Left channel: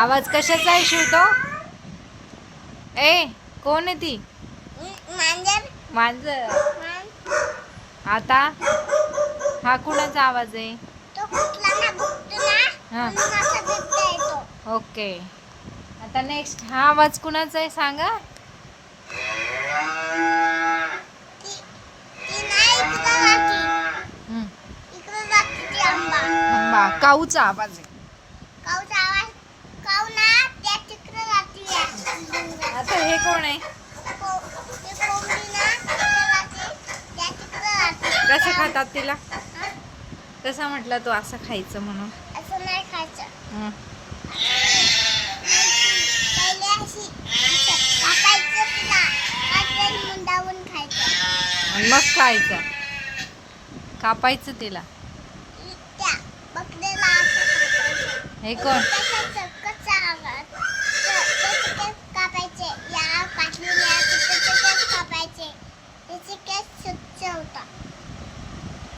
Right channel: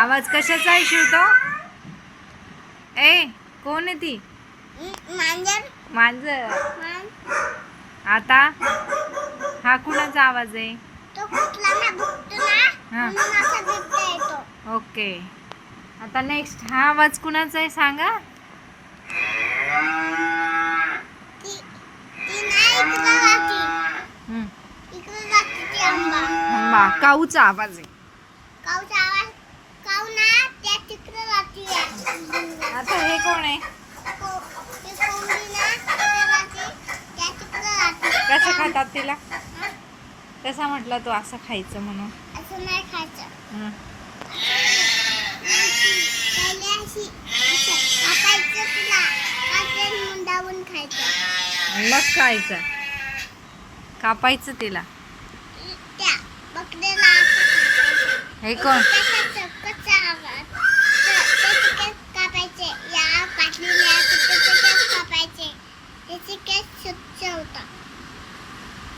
आवाज कशाचा आहे शिवतो? ए कोण आहे ती? मांजर. मांजर. आता हा कुणाचा आवाज आहे? तो कुठला बघतो ना हा. म्हणून असा बिबट्या येतो. ओके. आता नेक्स्ट हा आवाज कुणाचा आहे सांगा? ती ती नाही इकडं राहती. हम्म. इकडं राहती ती आंबा. थांबा, काऊचा आवाज आहे. काऊचा आवाज. काऊ ना त्या तिकडं राहती. आता हे कोण आहे? ते कोंबडी ना तिकडं राहती. त्या तिकडं राहती. कसं खातात तिला? हा? तसा म्हटला तो असं खायचं म्हणून. असं नाही खायचं. हं. पहिले अशी असं कापायचं तिला. कापून मुंडावून खायचं. आणि मग खायचं. कापायचं तिला. त्या बकऱ्याला असं कापायचं. हे कोण? त्याचं कच्चा आवाज. त्याचे केस कापायचे. या काटलेल्या त्याचे केस कापायचे. त्याचे केस स्वच्छ होतात.